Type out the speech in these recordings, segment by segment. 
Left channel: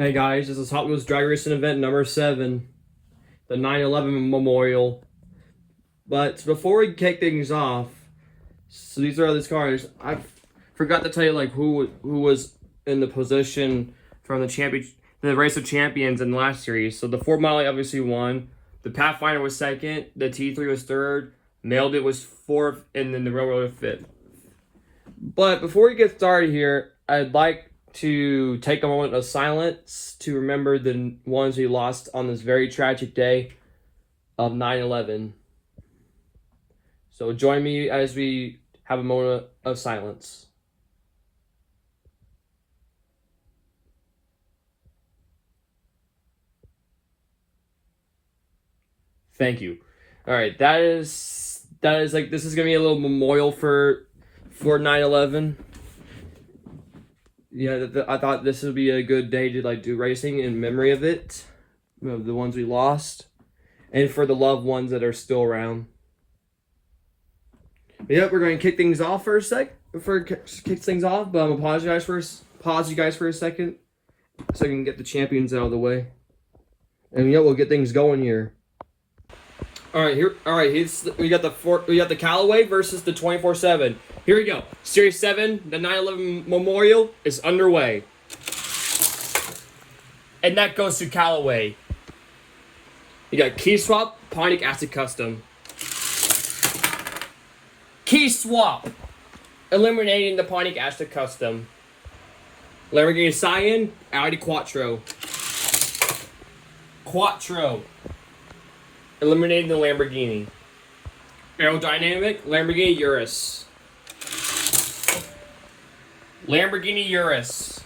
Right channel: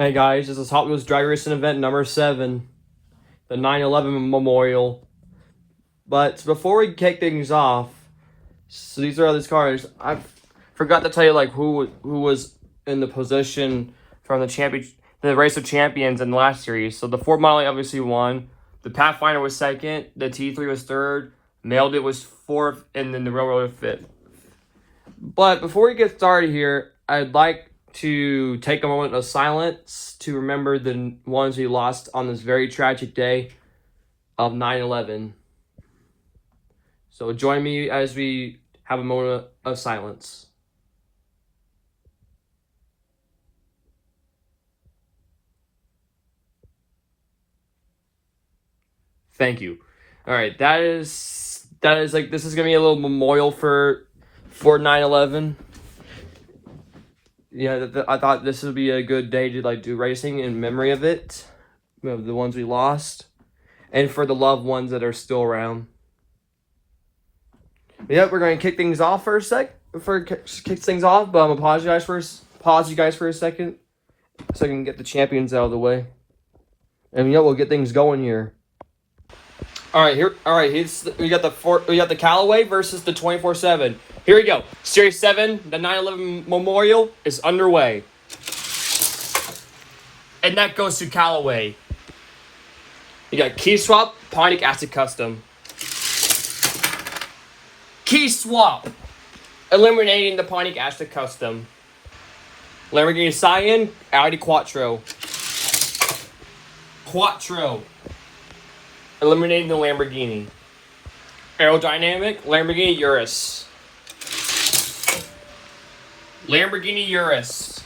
Hey guys, this is Hot Wheels Drag Racing event number 7, the 9/11 Memorial. But before we kick things off, so these are all these cars. I forgot to tell you who was in the position from the race of champions in the last series. So the Ford Model obviously won. The Pathfinder was second. The T3 was third. Mailed It was fourth, and then the Railroad fifth. But before we get started here, I'd like to take a moment of silence to remember the ones we lost on this very tragic day of 9/11. So join me as we have a moment of silence. Thank you. All right, that is this is gonna be a little memorial for 9/11. Yeah, I thought this would be a good day to do racing in memory of it, of the ones we lost, and for the loved ones that are still around. Yep, we're going to kick things off for a sec. Kick things off, but I'm gonna pause you guys for a second, so I can get the champions out of the way, and we'll get things going here. All right, we got the Callaway versus the 24/7. Here we go. Series 7, the 9/11 Memorial is underway. And that goes to Callaway. You got Key Swap, Pontiac Acid Custom. Key Swap, eliminating the Pontiac Acid Custom. Lamborghini Cyan, Audi Quattro. Quattro, eliminating the Lamborghini. Aerodynamic, Lamborghini Urus. Lamborghini Urus.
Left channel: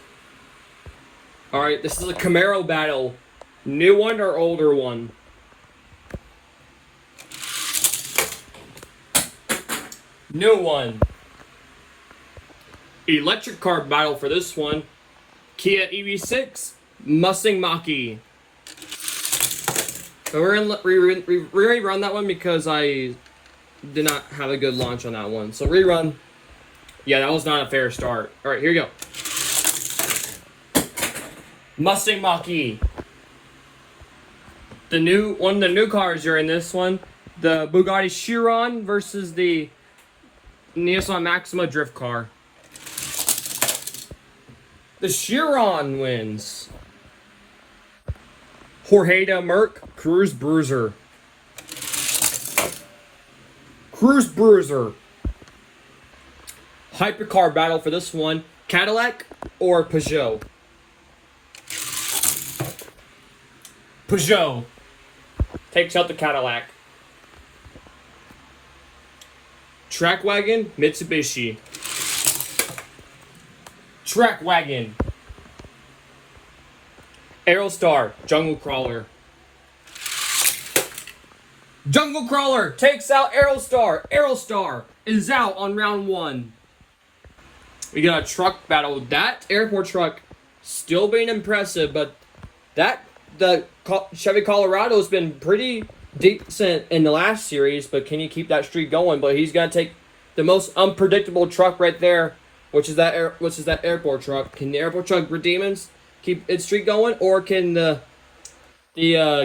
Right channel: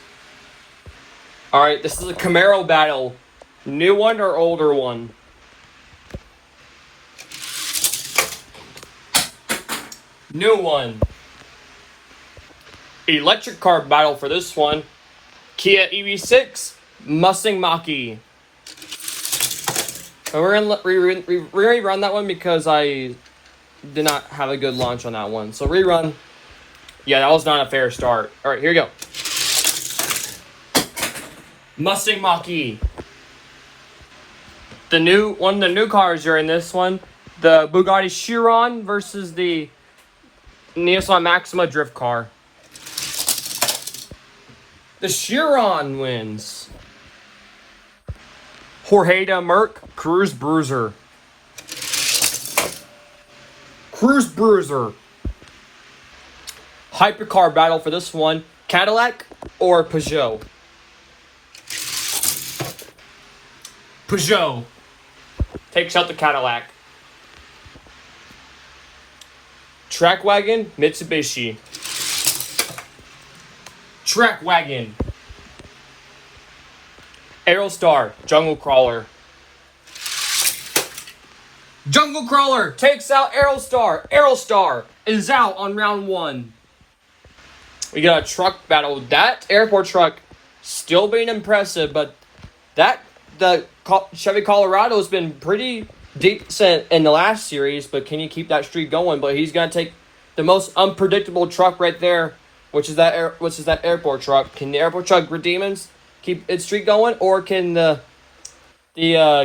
Alright, this is a Camaro battle. New one or older one? New one. Electric car battle for this one. Kia EV6, Mustang Mach-E. So we're gonna rerun that one because I did not have a good launch on that one. So rerun. Yeah, that was not a fair start. All right, here we go. Mustang Mach-E. One of the new cars are in this one. The Bugatti Chiron versus the Nissan Maxima drift car. The Chiron wins. Jorge Merc Cruise Bruiser. Cruise Bruiser. Hypercar battle for this one. Cadillac or Peugeot? Peugeot takes out the Cadillac. Track Wagon, Mitsubishi. Track Wagon. Aerostar, Jungle Crawler. Jungle Crawler takes out Aerostar. Aerostar is out on round 1. We got a truck battle. That airport truck still being impressive, but the Chevy Colorado has been pretty decent in the last series, but can you keep that streak going? But he's gonna take the most unpredictable truck right there, which is that airport truck. Can the airport truck redeem keep its streak going, or can the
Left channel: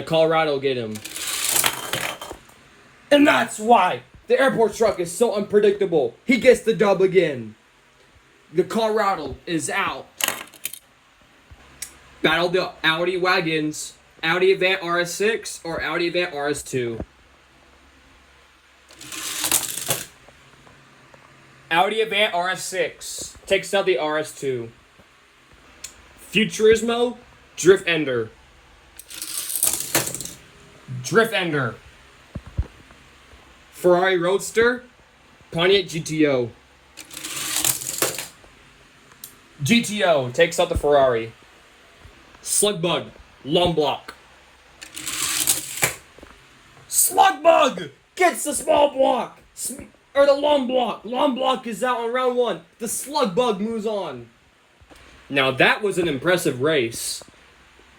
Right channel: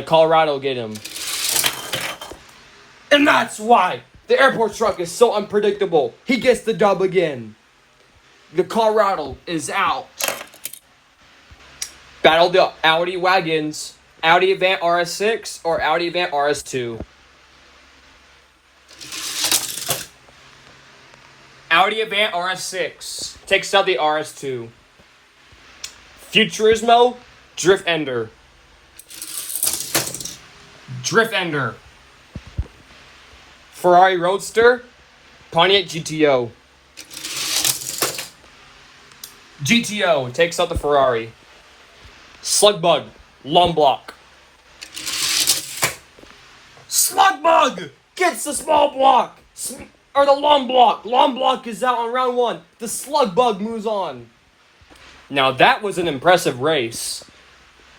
Colorado get him? And that's why the airport truck is so unpredictable. He gets the dub again. The Colorado is out. Battle the Audi wagons. Audi Avant RS6 or Audi Avant RS2. Audi Avant RS6 takes out the RS2. Futurismo, Drift Ender. Drift Ender. Ferrari Roadster, Pontiac GTO. GTO takes out the Ferrari. Slugbug, Long Block. Slugbug gets the small block. Or the long block. Long block is out on round 1. The Slugbug moves on. Now that was an impressive race.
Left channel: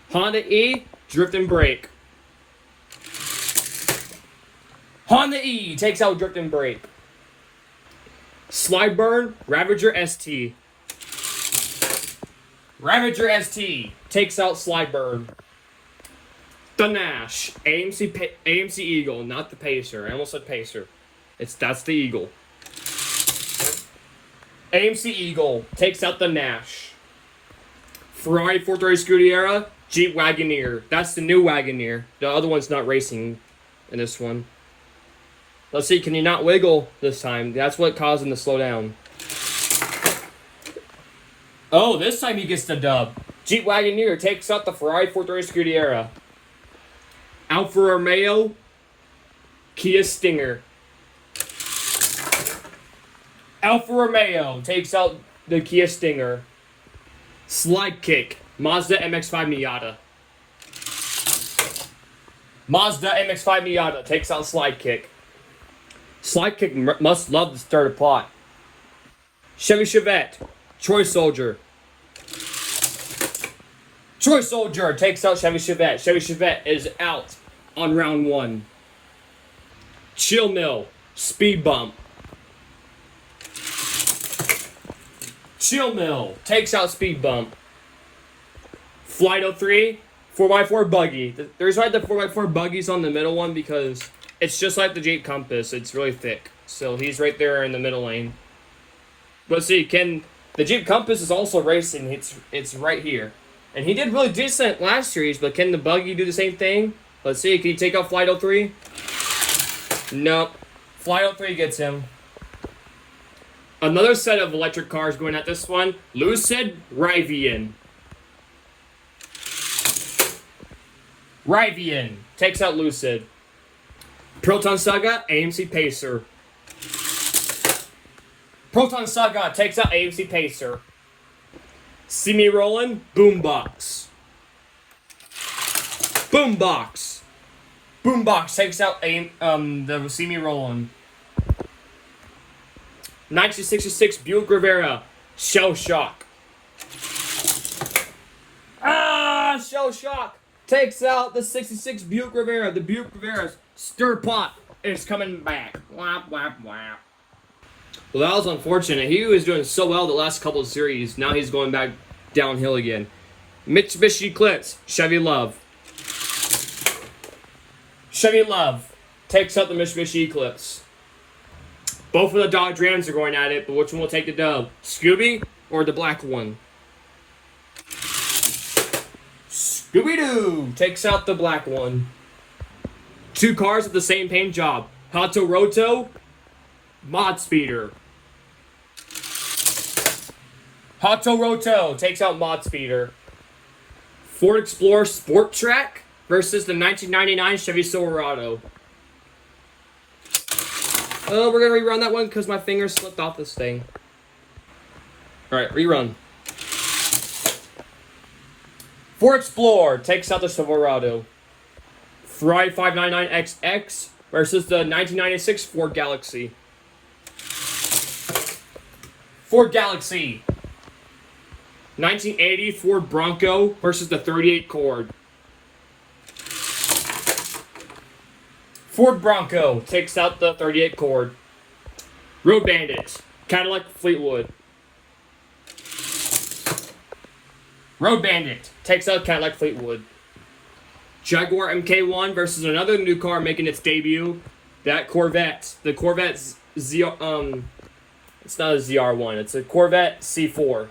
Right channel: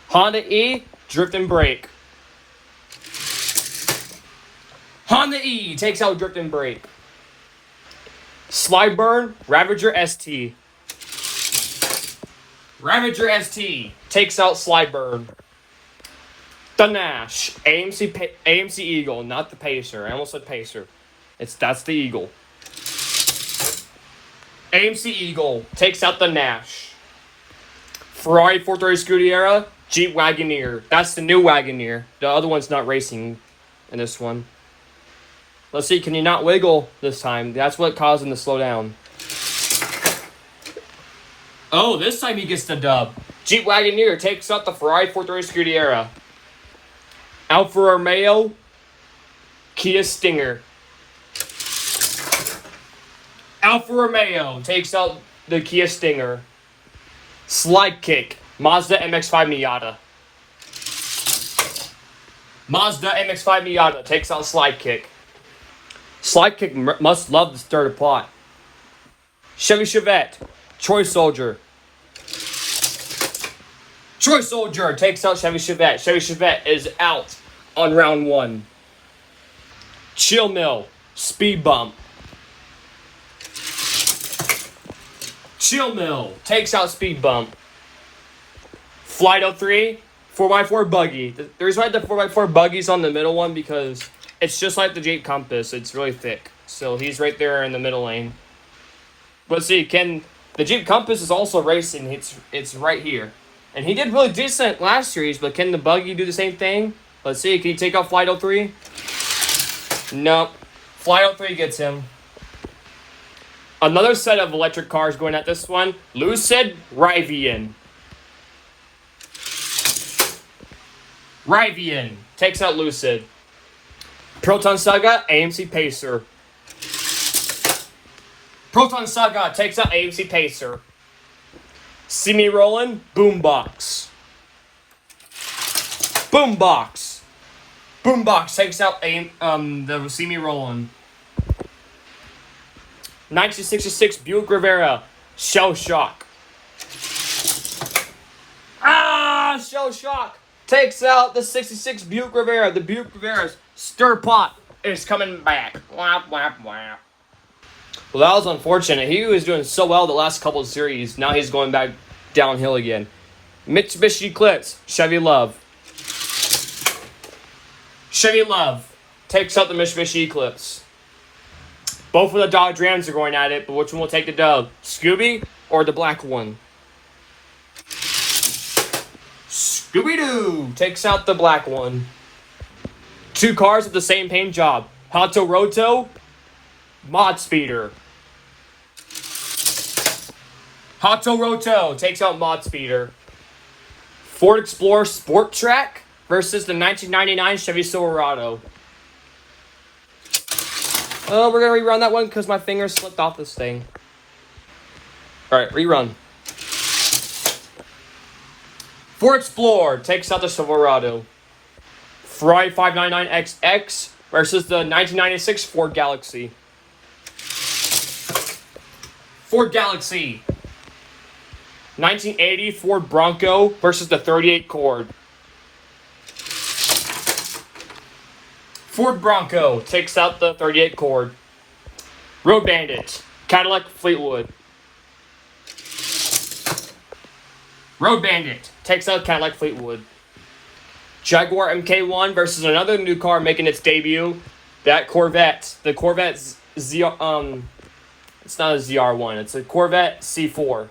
Honda E, Drift and Brake. Honda E takes out Drift and Brake. Slyburn, Ravager ST. Ravager ST takes out Slideburn. The Nash AMC Eagle, not the Pacer. I almost said Pacer. That's the Eagle. AMC Eagle takes out the Nash. Ferrari 430 Scuderia, Jeep Wagoneer. That's the new Wagoneer. The other one's not racing in this one. Let's see, can you not wiggle this time? That's what caused him to slow down. Oh, this time he gets the dub. Jeep Wagoneer takes out the Ferrari 430 Scuderia. Alfa Romeo, Kia Stinger. Alfa Romeo takes out the Kia Stinger. Slide Kick, Mazda MX-5 Miata. Mazda MX-5 Miata takes out Slide Kick. Slide Kick must love the starter plot. Chevy Chevette, Troy Soldier. Troy Soldier takes out Chevy Chevette. Chevy Chevette is out on round 1. Chill Mill, Speed Bump. Chill Mill takes out Speed Bump. Flight 03, 4x4 Buggy. There's right the 4x4 Buggies on the middle one because it's just like the Jeep Compass. It's really thick. So he's right there in the middle lane. Let's see, the Jeep Compass is also racing. It's right here. And he did really decent last series, but can the Buggy do the same thing? Let's see, can he take out Flight 03? Nope. Flight 03 gets him. Another set of electric cars going at this one. Lucid, Rivian. Rivian takes out Lucid. Proton Saga, AMC Pacer. Proton Saga takes out AMC Pacer. See Me Rollin', Boombox. Boombox. Boombox takes out the See Me Rollin'. 1966 Buick Rivera, Shell Shock. Shell Shock takes out the 66 Buick Rivera. The Buick Rivera's stir pot is coming back. Whap, whap, whap. Well, that was unfortunate. He was doing so well the last couple of series. Now he's going back downhill again. Mitsubishi Eclipse, Chevy Love. Chevy Love takes out the Mitsubishi Eclipse. Both of the Dodge Rams are going at it, but which one will take the dub? Scooby or the black one? Scooby-Doo takes out the black one. Two cars with the same paint job. Hato Roto, Mod Speeder. Hato Roto takes out Mod Speeder. Ford Explorer Sport Track versus the 1999 Chevy Silverado. Oh, we're going to rerun that one because my finger slipped off this thing. Alright, rerun. Ford Explorer takes out the Silverado. Ferrari 599XX versus the 1996 Ford Galaxy. Ford Galaxy. 1980 Ford Bronco versus the 38 Cord. Ford Bronco takes out the 38 Cord. Road Bandit, Cadillac Fleetwood. Road Bandit takes out Cadillac Fleetwood. Jaguar MK1 versus another new car making its debut. That Corvette, the Corvette it's not a ZR1, it's a Corvette C4.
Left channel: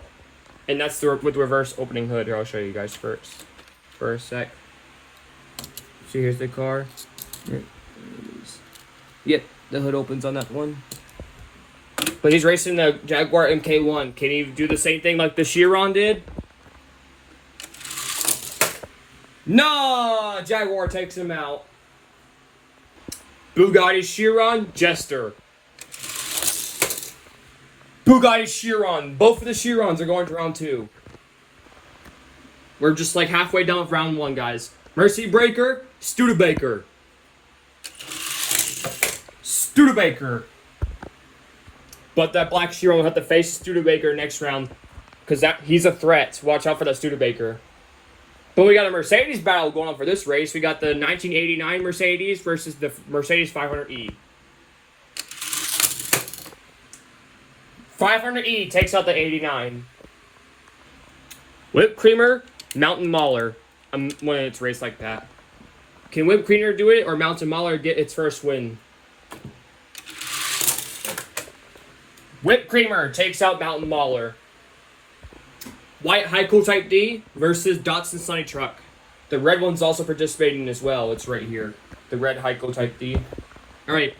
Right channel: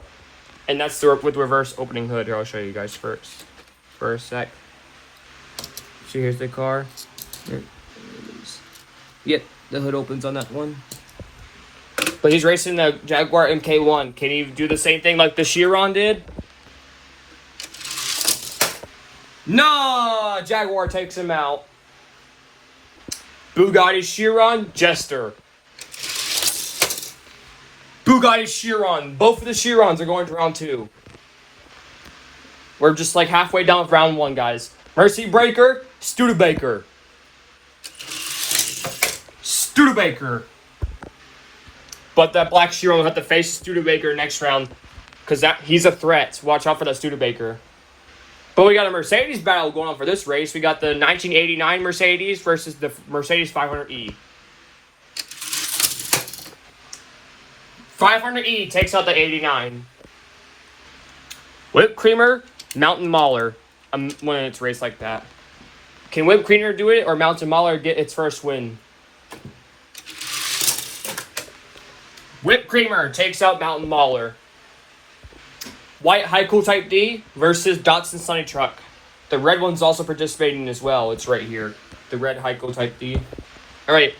And that's the with reverse opening hood. Here, I'll show you guys first. For a sec. So here's the car. Yep, the hood opens on that one. But he's racing the Jaguar MK1. Can he do the same thing like the Chiron did? No! Jaguar takes him out. Bugatti Chiron, Jester. Bugatti Chiron. Both of the Chirons are going to round 2. We're just like halfway down with round 1, guys. Mercy Breaker, Studebaker. Studebaker. But that black Chiron will have to face Studebaker next round because he's a threat. Watch out for that Studebaker. But we got a Mercedes battle going on for this race. We got the 1989 Mercedes versus the Mercedes 500E. 500E takes out the 89. Whipped Creamer, Mountain Mauler. When it's raced like that. Can Whipped Creamer do it or Mountain Mauler get its first win? Whipped Creamer takes out Mountain Mauler. White Heiko Type D versus Datsun Sunny Truck. The red one's also participating as well. It's right here. The red Heiko Type D. Alright.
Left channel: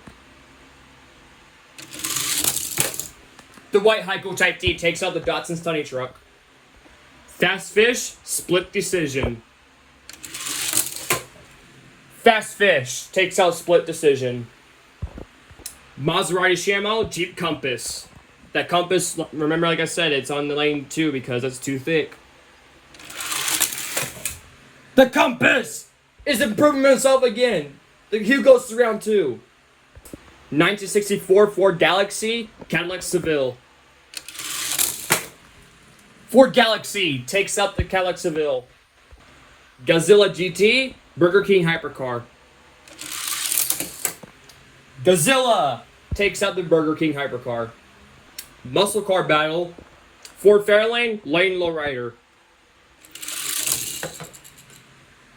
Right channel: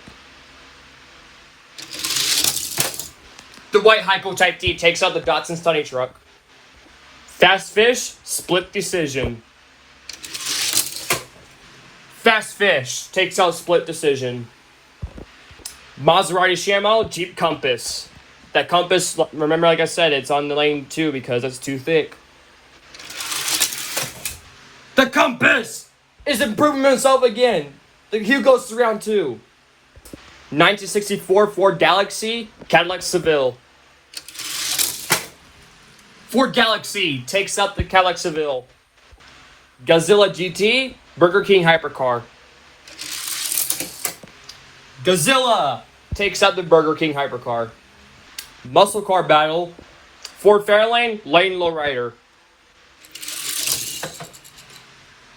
The white Heiko Type D takes out the Datsun Sunny Truck. Fast Fish, split decision. Fast Fish takes out split decision. Maserati Shamrock, Jeep Compass. That Compass, remember like I said, it's on the lane 2 because it's too thick. The Compass is improving himself again. The Hugh goes to round 2. 1964 Ford Galaxy, Cadillac Seville. Ford Galaxy takes out the Cadillac Seville. Godzilla GT, Burger King Hypercar. Godzilla takes out the Burger King Hypercar. Muscle Car Battle, Ford Fairlane, Lane Lowrider.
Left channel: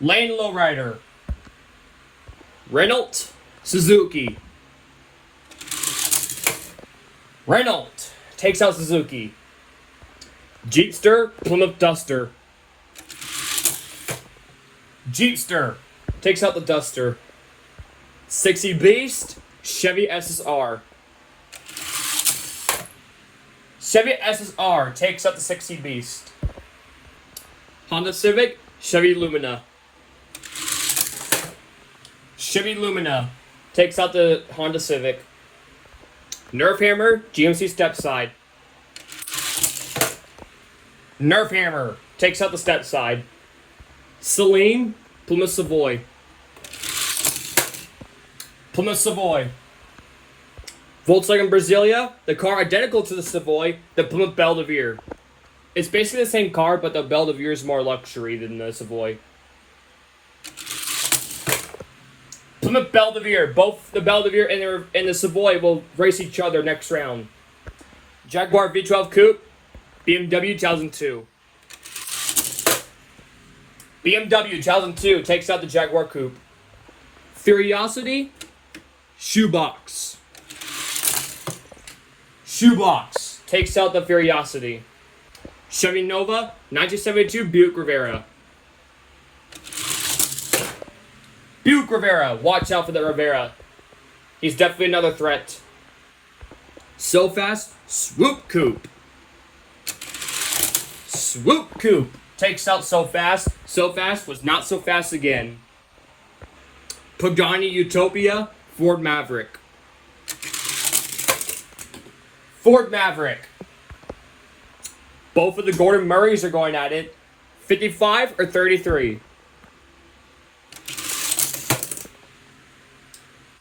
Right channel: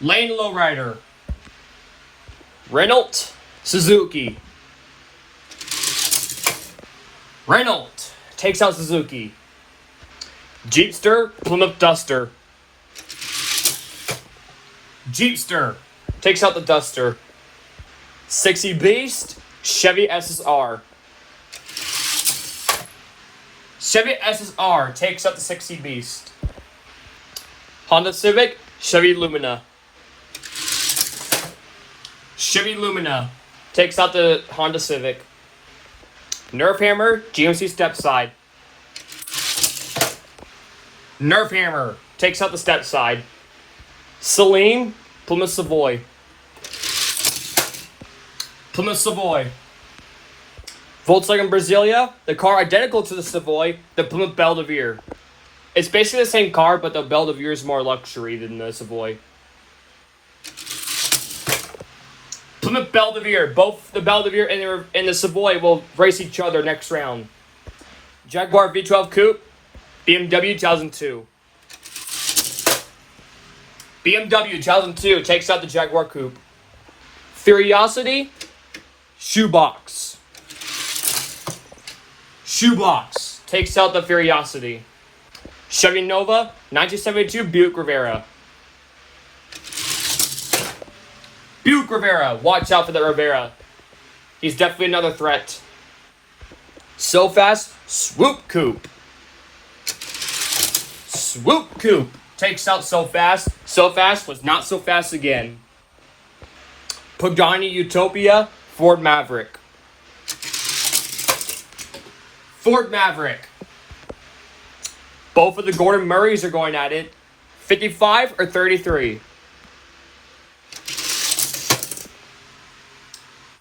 Lane Lowrider. Renault, Suzuki. Renault takes out Suzuki. Jeepster, Plymouth Duster. Jeepster takes out the Duster. 60 Beast, Chevy SSR. Chevy SSR takes out the 60 Beast. Honda Civic, Chevy Lumina. Chevy Lumina takes out the Honda Civic. Nerf Hammer, GMC Stepside. Nerf Hammer takes out the Stepside. Celine, Plymouth Savoy. Plymouth Savoy. Volkswagen Brasilia, the car identical to the Savoy, the Plymouth Belvedere. It's basically the same car, but the Belvedere is more luxury than the Savoy. Plymouth Belvedere, both the Belvedere and the Savoy will race each other next round. Jaguar V12 Coupe, BMW 2002. BMW 2002 takes out the Jaguar Coupe. Curiosity, Shoebox. Shoebox takes out the Curiosity. Chevy Nova, 1972 Buick Rivera. Buick Rivera, watch out for the Rivera. He's definitely another threat. So Fast, Swoop Coupe. Swoop Coupe takes out So Fast. So Fast was not so fast again. Pagani Utopia, Ford Maverick. Ford Maverick. Both of the Gordon Murrays are going at it. 55 or 33?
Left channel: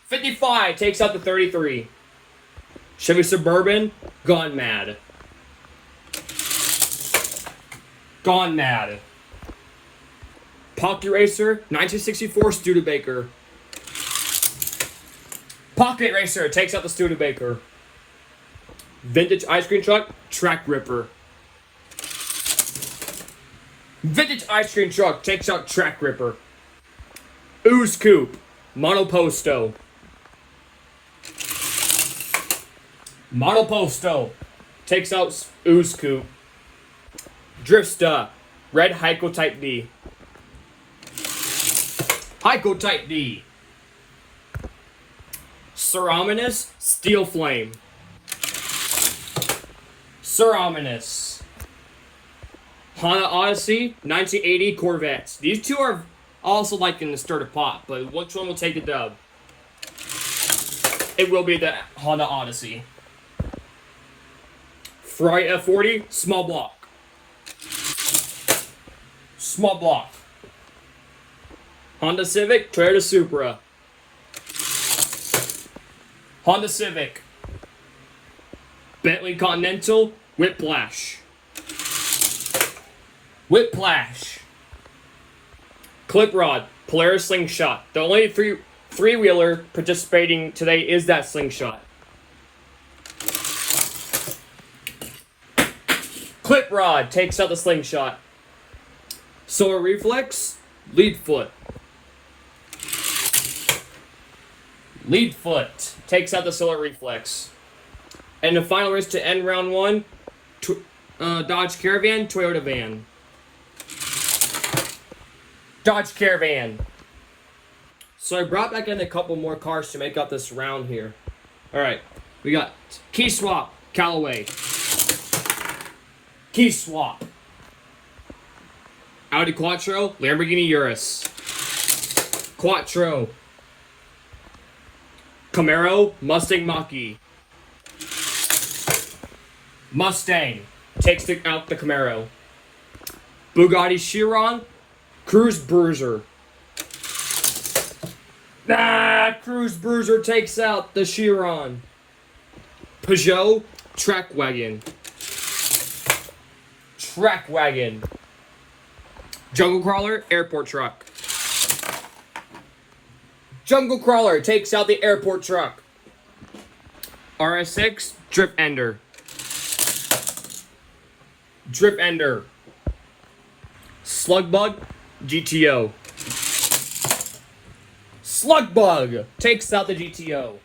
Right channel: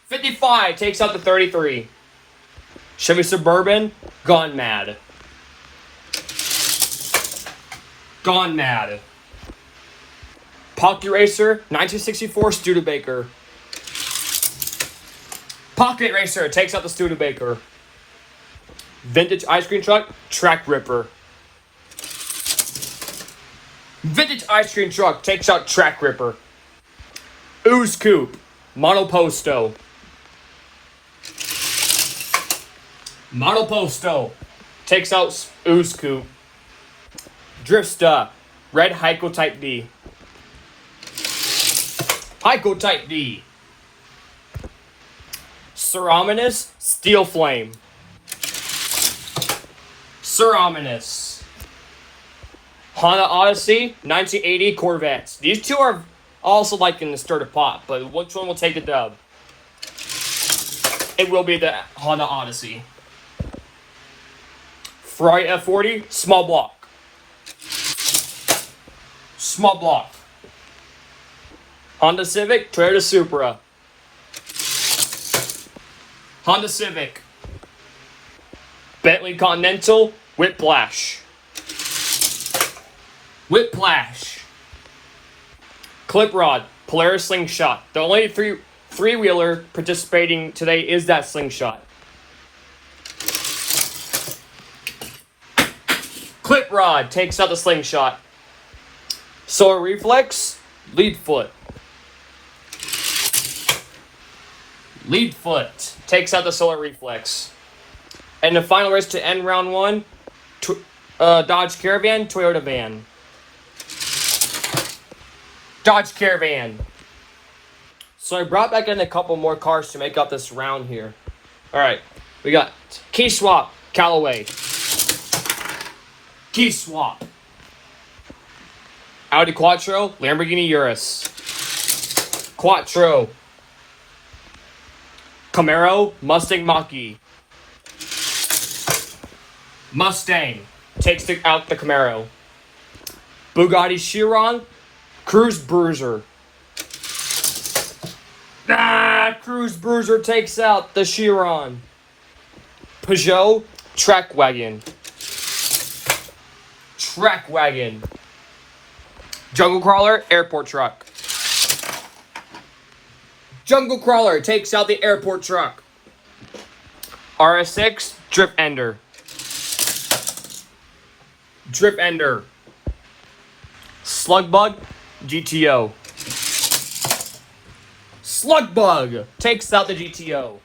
55 takes out the 33. Chevy Suburban, Gone Mad. Gone Mad. Pocket Racer, 1964 Studebaker. Pocket Racer takes out the Studebaker. Vintage Ice Cream Truck, Track Ripper. Vintage Ice Cream Truck takes out Track Ripper. Ooze Coupe, Monoposto. Monoposto takes out Ooze Coupe. Drifsta, Red Heiko Type D. Heiko Type D. Cerominous, Steel Flame. Cerominous. Honda Odyssey, 1980 Corvettes. These two are also like in the stir to pot, but which one will take the dub? It will be the Honda Odyssey. Ferrari F40, small block. Small block. Honda Civic, Toyota Supra. Honda Civic. Bentley Continental, Whiplash. Whiplash. Clip Rod, Polaris Slingshot. The only three-wheeler participating today is that Slingshot. Clip Rod takes out the Slingshot. Solar Reflex, lead foot. Lead foot takes out the Solar Reflex. And the final race to end round one, Dodge Caravan, Toyota van. Dodge Caravan. So I brought back in a couple more cars to make up this round here. Alright, we got Key Swap, Callaway. Key Swap. Audi Quattro, Lamborghini Urus. Quattro. Camaro, Mustang Mach-E. Mustang takes out the Camaro. Bugatti Chiron, Cruise Bruiser. Cruise Bruiser takes out the Chiron. Peugeot Track Wagon. Track Wagon. Jungle Crawler, Airport Truck. Jungle Crawler takes out the Airport Truck. RS6, Drip Ender. Drip Ender. Slugbug, GTO. Slugbug takes out the GTO.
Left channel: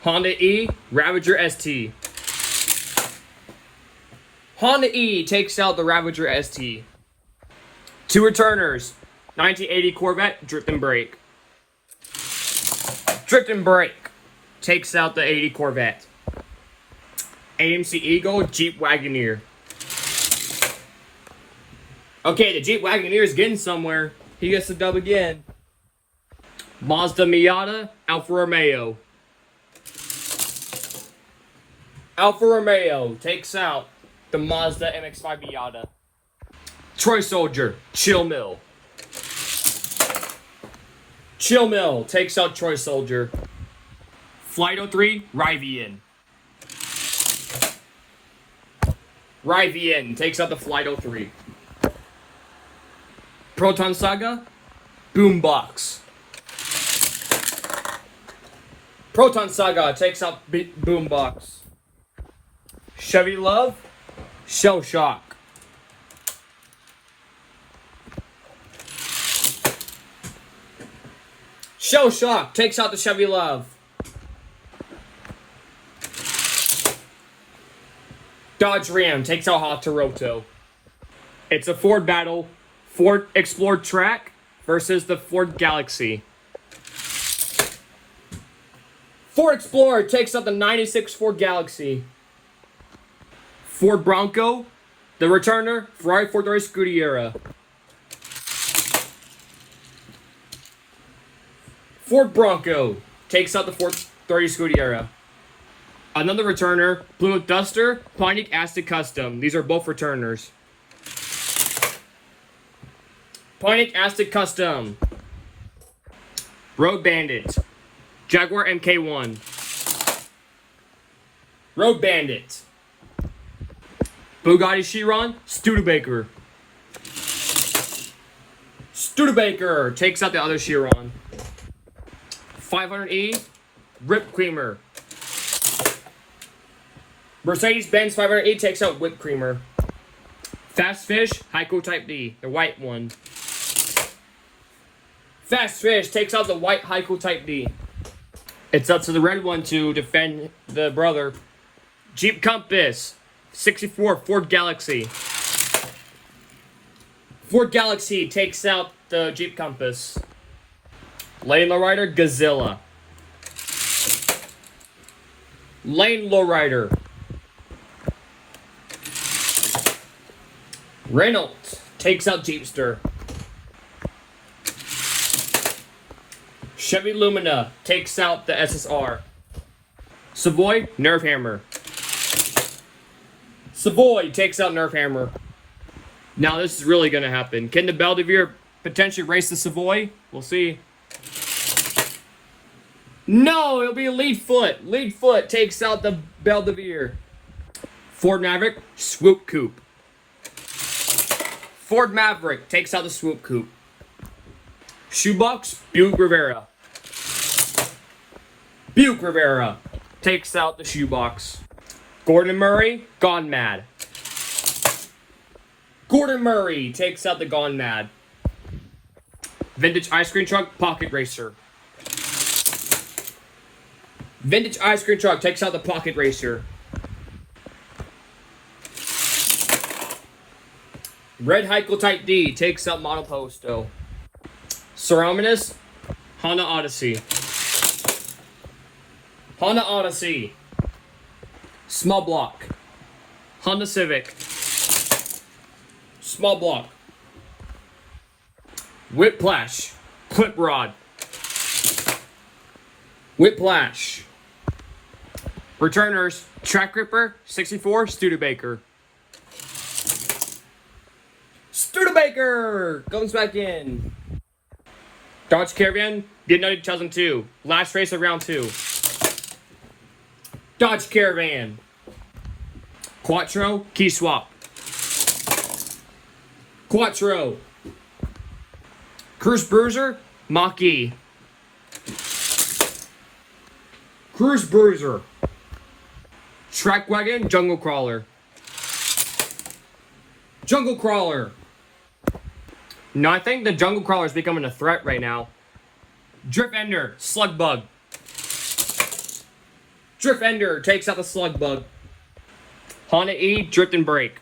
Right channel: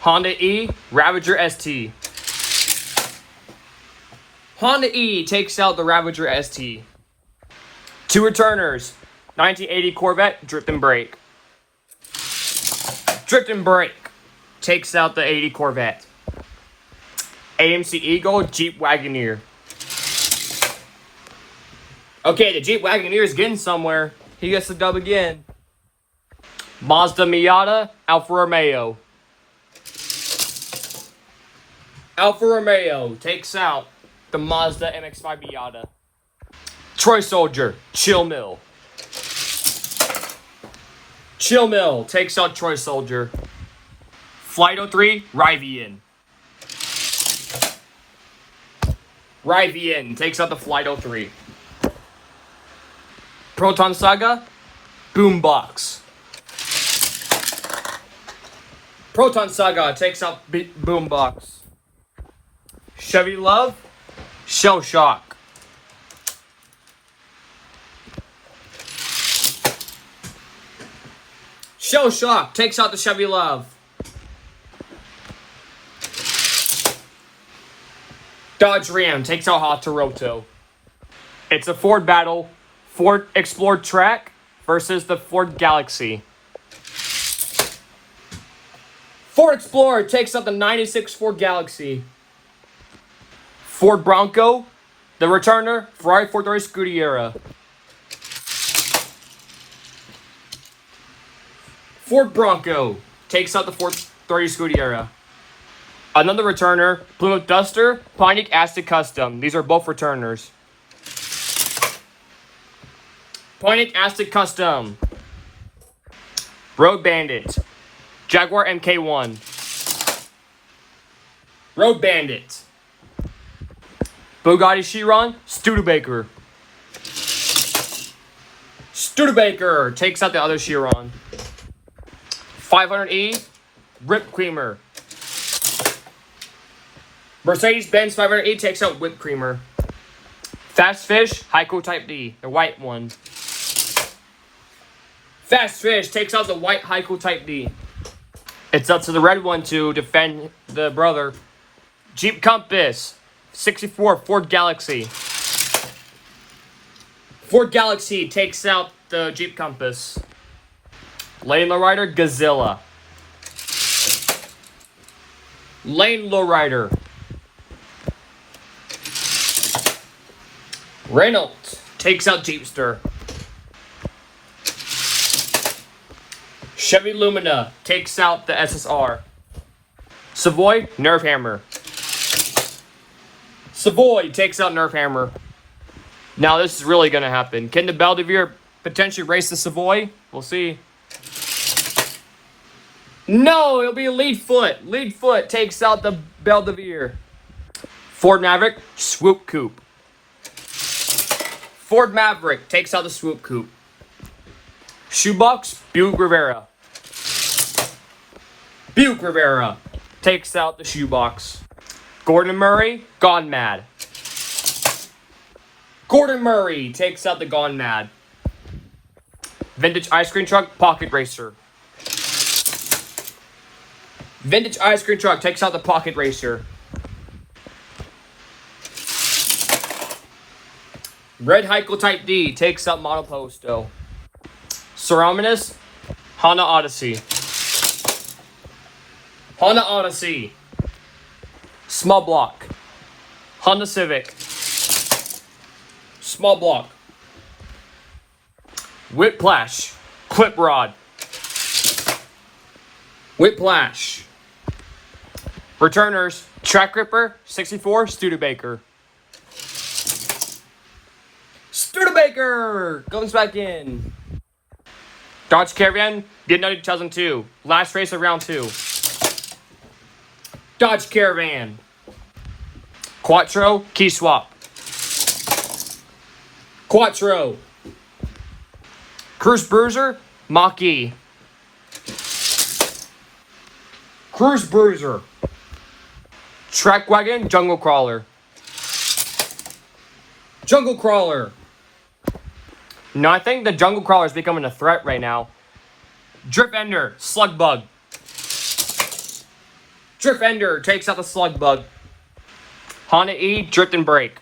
Honda E, Ravager ST. Honda E takes out the Ravager ST. Two returners, 1980 Corvette, Drift and Brake. Drift and Brake takes out the 80 Corvette. AMC Eagle, Jeep Wagoneer. Okay, the Jeep Wagoneer is getting somewhere. He gets the dub again. Mazda Miata, Alfa Romeo. Alfa Romeo takes out the Mazda MX-5 Miata. Troy Soldier, Chill Mill. Chill Mill takes out Troy Soldier. Flight 03, Rivian. Rivian takes out the Flight 03. Proton Saga, Boombox. Proton Saga takes out Boombox. Chevy Love, Shell Shock. Shell Shock takes out the Chevy Love. Dodge Ram takes out Hot Toronto. It's a Ford battle. Ford Explorer Track versus the Ford Galaxy. Ford Explorer takes out the 96 Ford Galaxy. Ford Bronco, the returner, Ferrari 430 Scuderia. Ford Bronco takes out the 430 Scuderia. Another returner, Plymouth Duster, Pontiac Aztek Custom. These are both returners. Pontiac Aztek Custom. Road Bandit. Jaguar MK1. Road Bandit. Bugatti Chiron, Studebaker. Studebaker takes out the other Chiron. 500E, Whipped Creamer. Mercedes-Benz 500E takes out Whipped Creamer. Fast Fish, Heiko Type D, the white one. Fast Fish takes out the white Heiko Type D. It's up to the red one to defend the brother. Jeep Compass, 64 Ford Galaxy. Ford Galaxy takes out the Jeep Compass. Lane Lowrider, Godzilla. Lane Lowrider. Reynolds takes out Jeepster. Chevy Lumina takes out the SSR. Savoy, Nerf Hammer. Savoy takes out Nerf Hammer. Now this is really going to happen. Can the Belvedere potentially race the Savoy? We'll see. No, it'll be a lead foot. Lead foot takes out the Belvedere. Ford Maverick, Swoop Coupe. Ford Maverick takes out the Swoop Coupe. Shoebox, Buick Rivera. Buick Rivera takes out the Shoebox. Gordon Murray, Gone Mad. Gordon Murray takes out the Gone Mad. Vintage Ice Cream Truck, Pocket Racer. Vintage Ice Cream Truck takes out the Pocket Racer. Red Heiko Type D takes out Monoposto. Cerominus, Honda Odyssey. Honda Odyssey. Small Block. Honda Civic. Small Block. Whiplash. Clip Rod. Whiplash. Returners. Track Ripper. 64. Studebaker. Studebaker comes back in. Dodge Caravan. Vietnam 2002. Last race of round 2. Dodge Caravan. Quattro. Key swap. Quattro. Cruise Bruiser. Mach-E. Cruise Bruiser. Track Wagon. Jungle Crawler. Jungle Crawler. No, I think the Jungle Crawler is becoming a threat right now. Drip Ender. Slug Bug. Drip Ender takes out the Slug Bug. Honda E. Drift and Brake.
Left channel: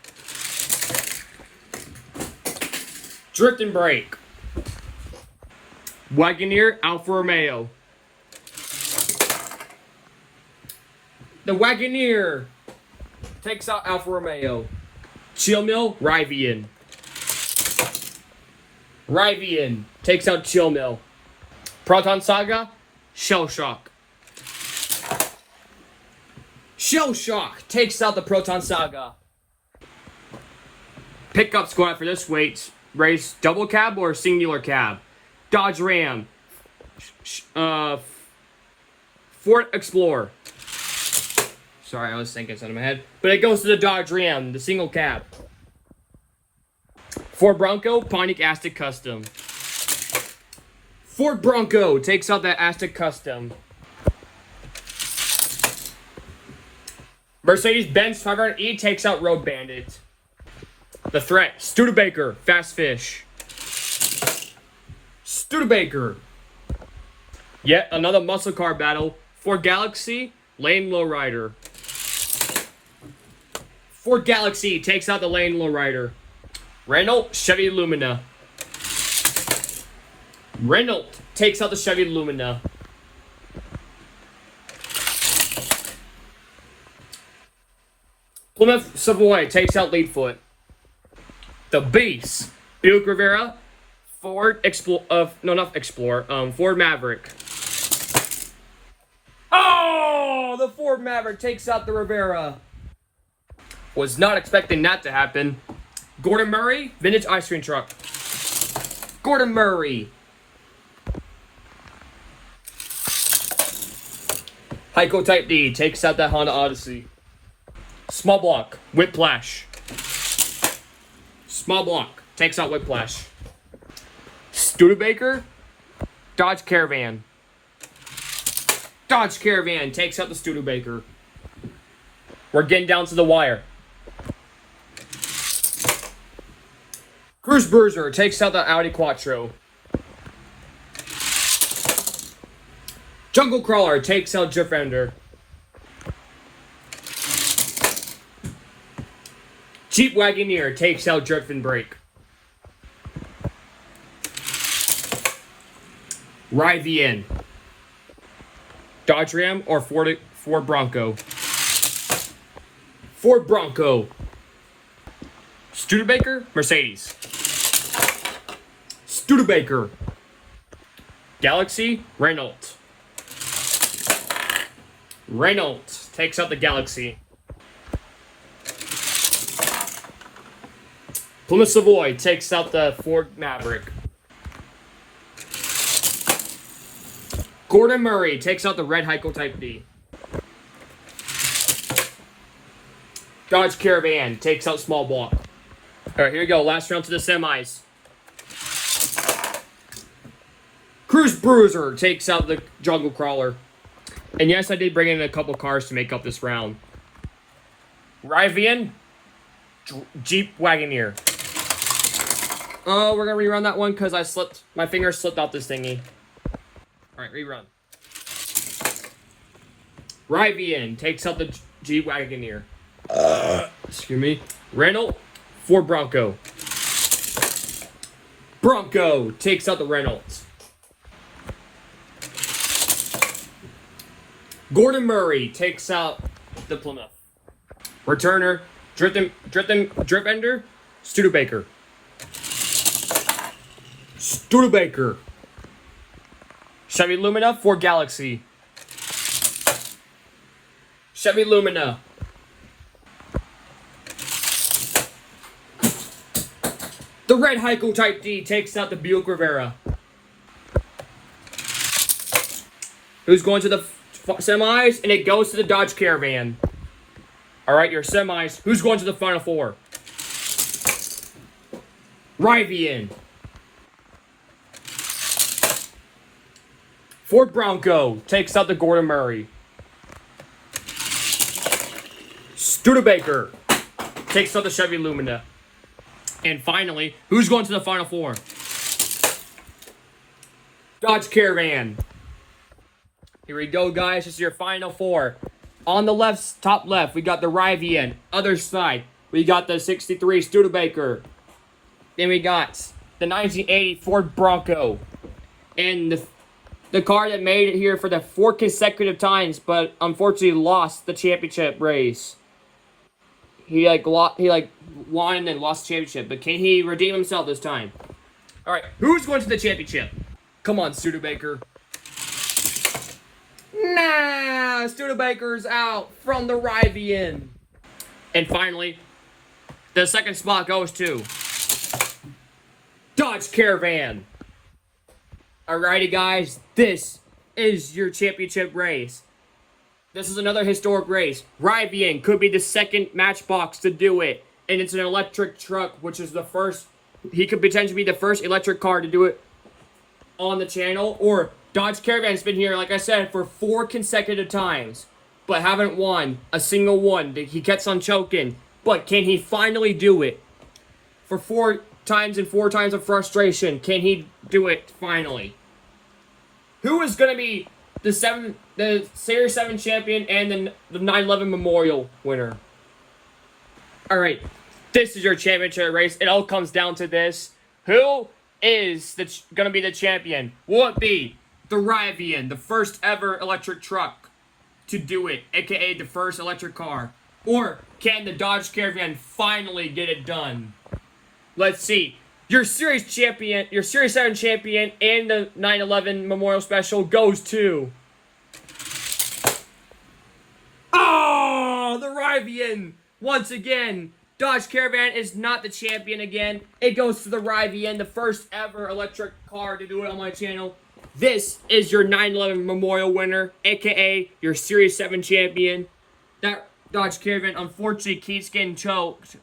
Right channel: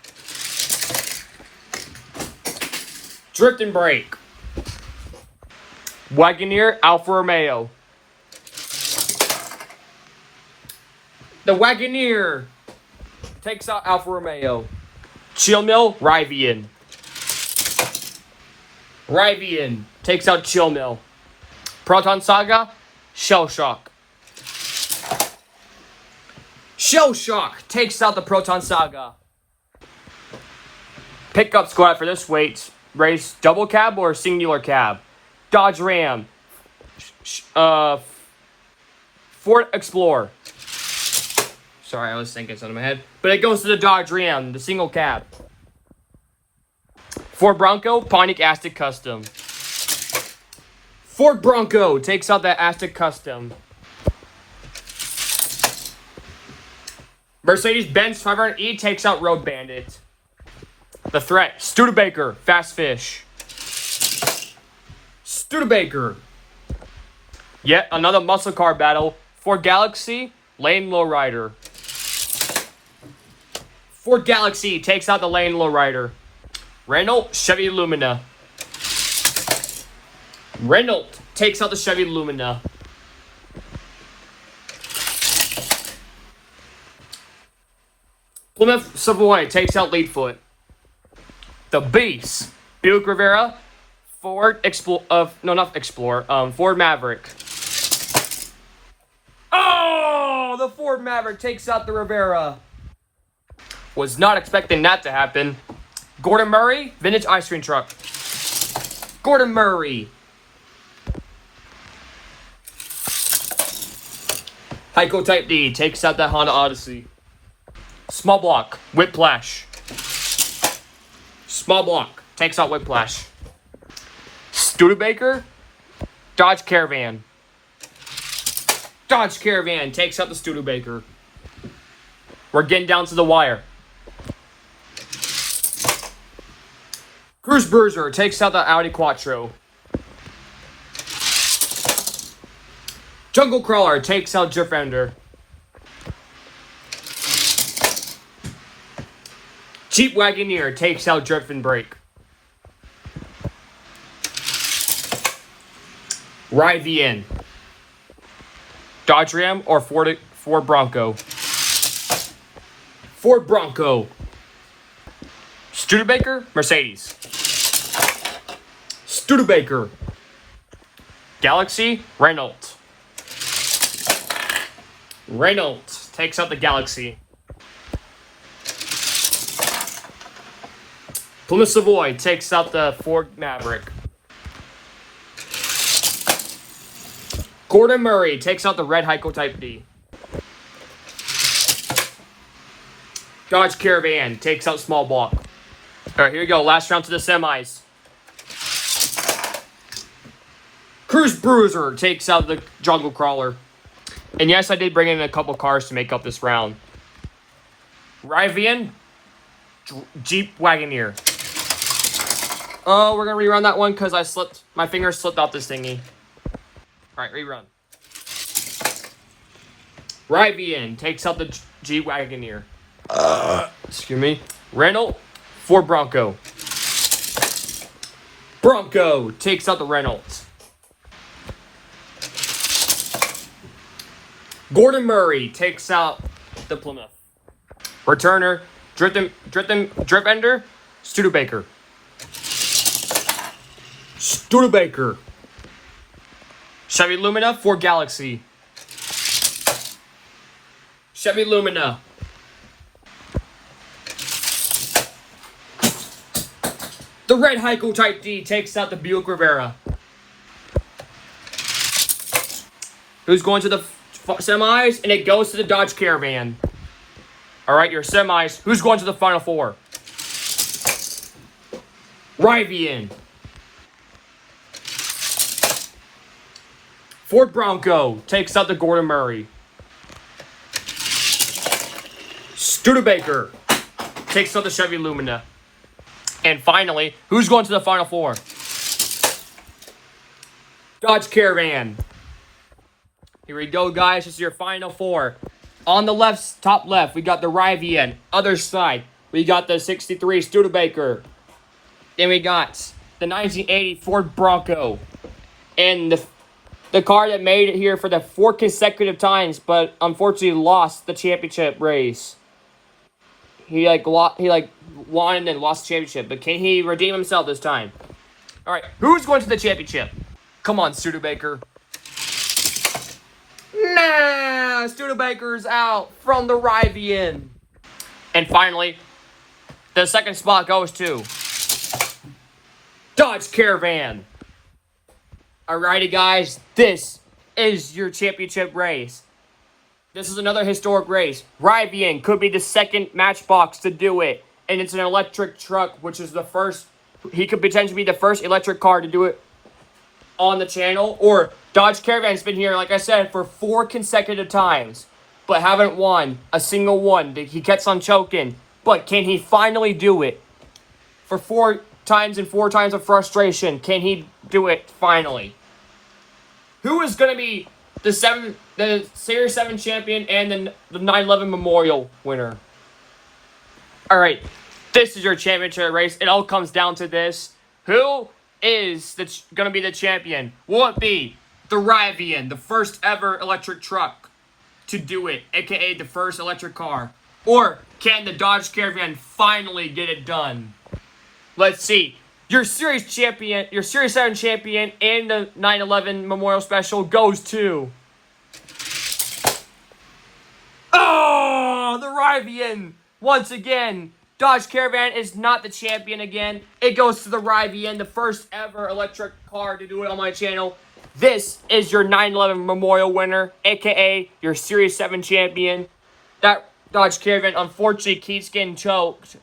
Drift and Brake. Wagoneer. Alfa Romeo. The Wagoneer takes out Alfa Romeo. Chill Mill. Rivian. Rivian takes out Chill Mill. Proton Saga. Shell Shock. Shell Shock takes out the Proton Saga. Pickup squad for this weight race: double cab or singular cab. Dodge Ram. Ford Explorer. Sorry, I was thinking something in my head. But it goes to the Dodge Ram, the single cab. Ford Bronco, Pontiac Aztek Custom. Ford Bronco takes out that Aztek Custom. Mercedes-Benz 500E takes out Road Bandit. The Threat, Studebaker, Fast Fish. Studebaker. Yet another muscle car battle. Ford Galaxy, Lane Lowrider. Ford Galaxy takes out the Lane Lowrider. Renault, Chevy Lumina. Renault takes out the Chevy Lumina. Plymouth Savoy takes out Leadfoot. The Beast, Buick Rivera, Ford Ford Maverick. Oh, the Ford Maverick takes out the Rivera. Was not expecting that to happen. Gordon Murray, Vintage Ice Cream Truck. Gordon Murray. Heiko Type D takes out that Honda Odyssey. Small Block, Whiplash. Small Block takes out Whiplash. Studebaker, Dodge Caravan. Dodge Caravan takes out the Studebaker. We're getting down to the wire. Cruise Bruiser takes out the Audi Quattro. Jungle Crawler takes out Drift Ender. Jeep Wagoneer takes out Drift and Brake. Rivian. Dodge Ram or Ford Bronco. Ford Bronco. Studebaker, Mercedes. Studebaker. Galaxy, Renault. Renault takes out the Galaxy. Plymouth Savoy takes out the Ford Maverick. Gordon Murray takes out the red Heiko Type D. Dodge Caravan takes out Small Block. All right, here we go. Last round to the semis. Cruise Bruiser takes out the Jungle Crawler. And yes, I did bring in a couple cars to make up this round. Rivian, Jeep Wagoneer. Oh, we're gonna rerun that one because my finger slipped off this thingy. Alright, rerun. Rivian takes out the G-Wagoneer. Excuse me. Renault, Ford Bronco. Bronco takes out the Reynolds. Gordon Murray takes out the Plymouth. Returner, Drip Ender, Studebaker. Studebaker. Chevy Lumina, Ford Galaxy. Chevy Lumina. The red Heiko Type D takes out the Buick Rivera. Who's going to the semis? And it goes to the Dodge Caravan. Alright, your semis. Who's going to the Final Four? Rivian. Ford Bronco takes out the Gordon Murray. Studebaker takes out the Chevy Lumina. And finally, who's going to the Final Four? Dodge Caravan. Here we go, guys. This is your Final Four. On the left, top left, we got the Rivian. Other side, we got the 63 Studebaker. Then we got the 1980 Ford Bronco. And the car that made it here for the 4 consecutive times, but unfortunately lost the championship race. He won and then lost the championship, but can he redeem himself this time? All right, who's going to the championship? Come on, Studebaker. Nah, Studebaker's out from the Rivian. And finally, the second spot goes to Dodge Caravan. Alrighty, guys, this is your championship race. This is another historic race. Rivian could be the second Matchbox to do it. And it's an electric truck, which is the first. He could potentially be the first electric car to do it on the channel. Or Dodge Caravan's been here, like I said, for 4 consecutive times. But haven't won a single one. He keeps on choking. But can he finally do it? For 4 times and 4 times of frustration, can he do it finally? Who is going to be the Series 7 champion and the 9/11 Memorial winner? Alright, this is your championship race. It all comes down to this. Who is going to be the champion? Will it be the Rivian, the first ever electric truck to do it, aka the first electric car? Or can the Dodge Caravan finally get it done? Let's see. Your Series 7 champion and the 9/11 Memorial Special goes to... Oh, the Rivian! Once again, Dodge Caravan is not the champion again. It goes to the Rivian, the first ever electric car to do it on my channel. This is your 9/11 Memorial winner, aka your Series 7 champion. That Dodge Caravan unfortunately keeps getting choked.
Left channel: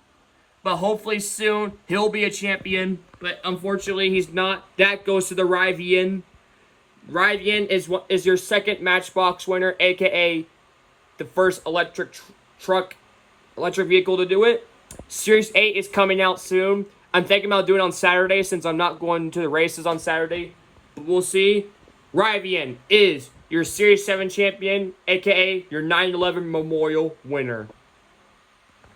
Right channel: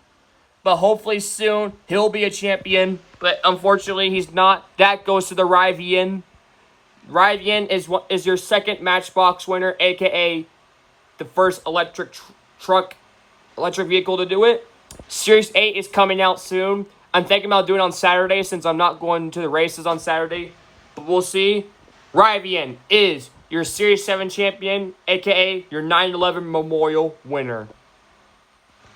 But hopefully soon, he'll be a champion. But unfortunately, he's not. That goes to the Rivian. Rivian is your second Matchbox winner, a.k.a. the first electric vehicle to do it. Series 8 is coming out soon. I'm thinking about doing it on Saturday since I'm not going to the races on Saturday. But we'll see. Rivian is your Series 7 champion, a.k.a. your 9/11 Memorial winner.